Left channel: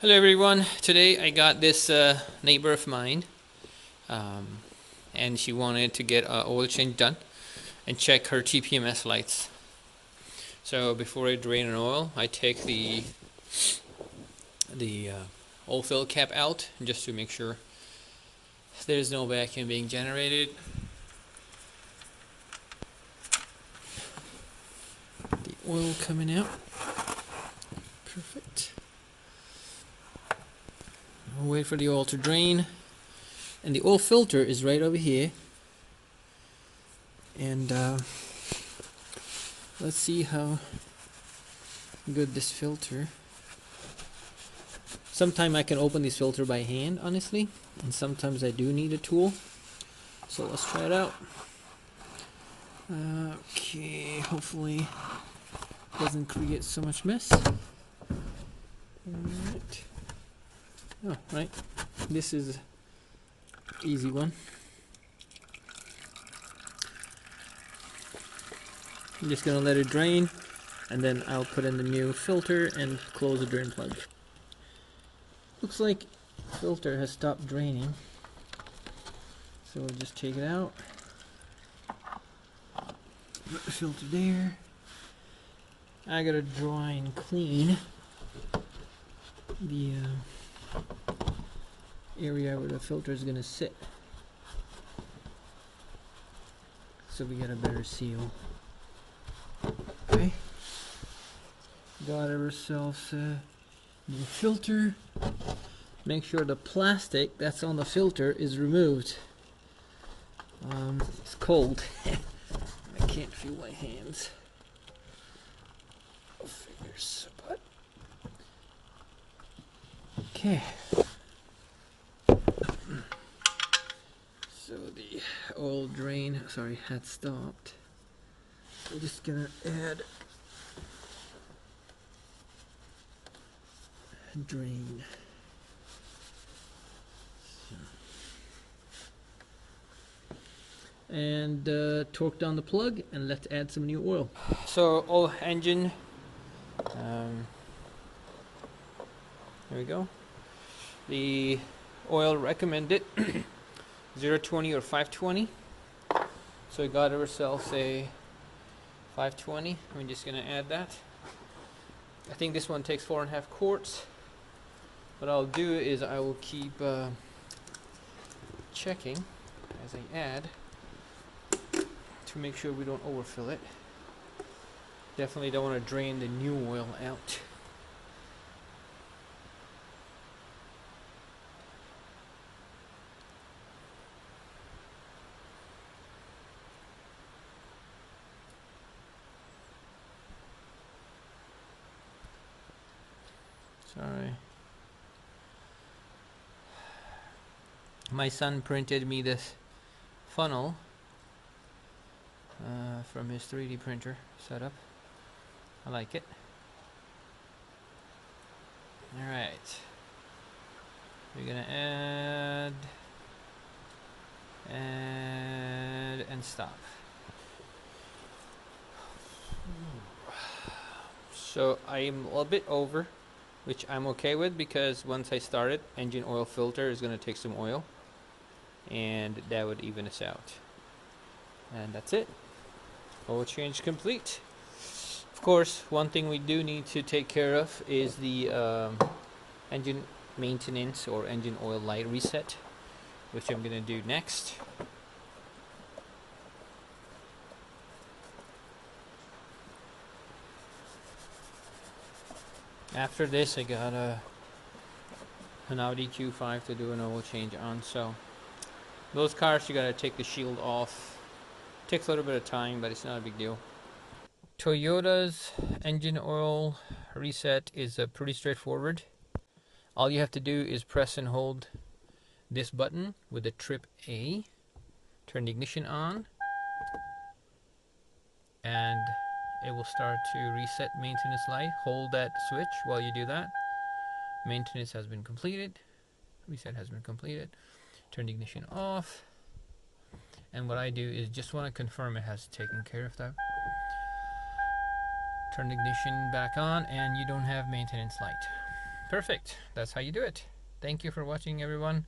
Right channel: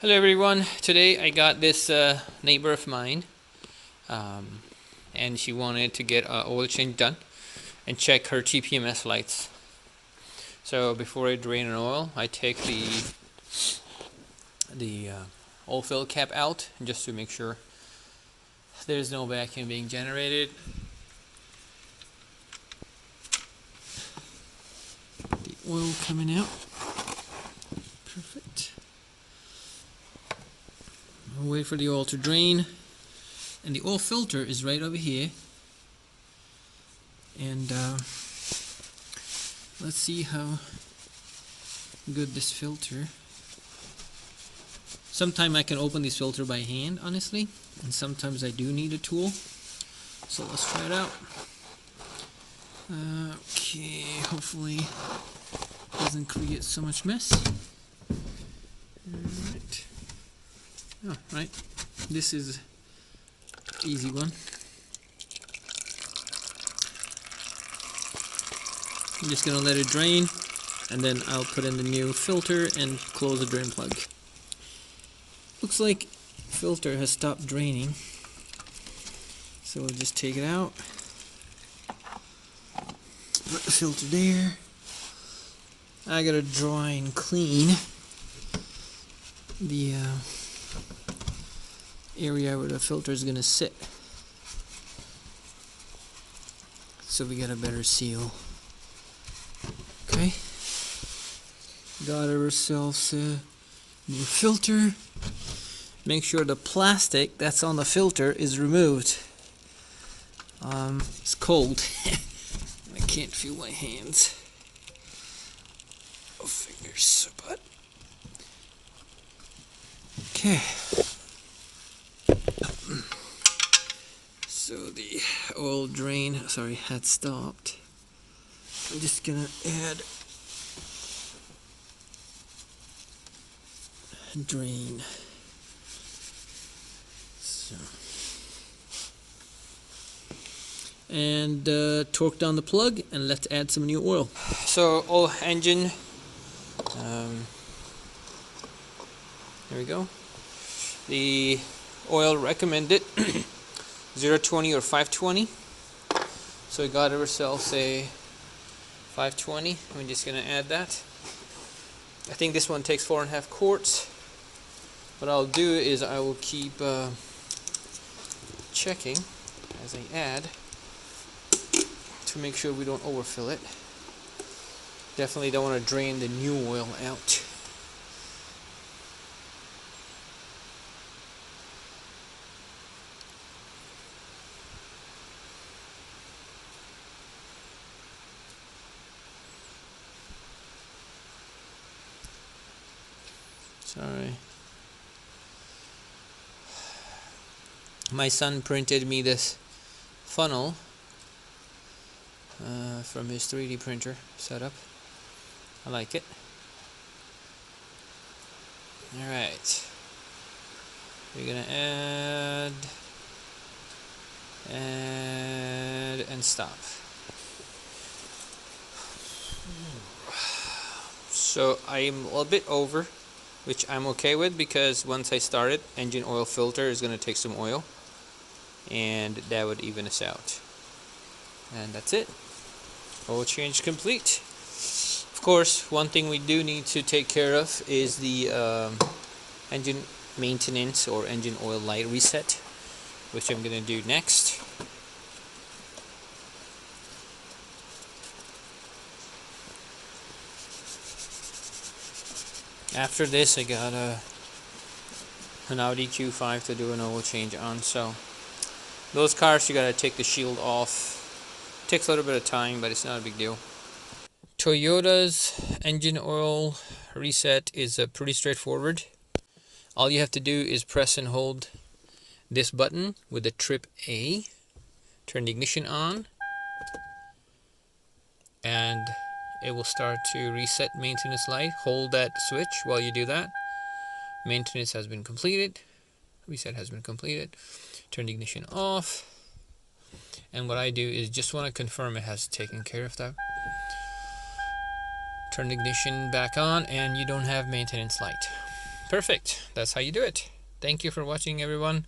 Hello everyone. Today I got this neighbor of mine, and she wanted to get an oil change done and check her TPMS lights. So before I drain an oil, I take the oil fill cap out just to make sure there's no vacuum being generated. The oil coming out. Perfect. I'll wait for the oil to drain. And the oil filter is right over here. And let's see how good this filter. Sometimes I can open this filter by hand, honestly, and sometimes I do need a tool. So let's try it out. Okay, hopefully it doesn't create so much mess. Alright. Oh, right. This is easy one. I'm just gonna let it drain, and then I'll put in the new filter and close the drain plug. Looks like the filter has stopped draining, so we'll just take it out. Put the filter there. I gotta dry and clean the area where the filter is gonna sit, so we get a better seal. Okay, got ourselves a new filter. Make sure the plastic that's on the filter is removed. It's cold. I can't feel my hands or fingers, but okay. So the oil drain, had stopped. I'm just gonna add drain. So. And torque down the plug, and let's add some new oil. So oil engine, there we go. The oil recommended 020 or 520. So we got ourselves a 520. I'm just gonna add that. I think this one takes 4.5 quarts. What I'll do is I will keep checking as I add to make sure we don't overfill it. Definitely don't want to drain the new oil out. Sorry. My son printed me this funnel from his 3D printer setup. I like it. Alright. We're gonna add and stop. So I'm a little bit over, which I'm okay with, because once I start it, engine oil filter is going to take some oil, and that would even us out. And that's it. Oil change complete. Of course, one thing we do need to take care of is the engine maintenance or engine oil light reset, which I'm going to do next. After this, I got an Audi Q5 to do an oil change on. So those cars, you gotta take the shield off. Takes a little bit of time, but it's not a big deal. Toyota's engine oil reset is pretty straightforward. All you have to do is press and hold this button with the trip A, turn the ignition on, and it will start to reset maintenance light. Hold that switch while you do that. Maintenance has been completed. Reset has been completed. Turn the ignition off. And what I do is just want to confirm it has taken care of that. Turn the ignition back on, and you don't have maintenance light. Perfect. That's how you do it. Thank you for watching, everyone.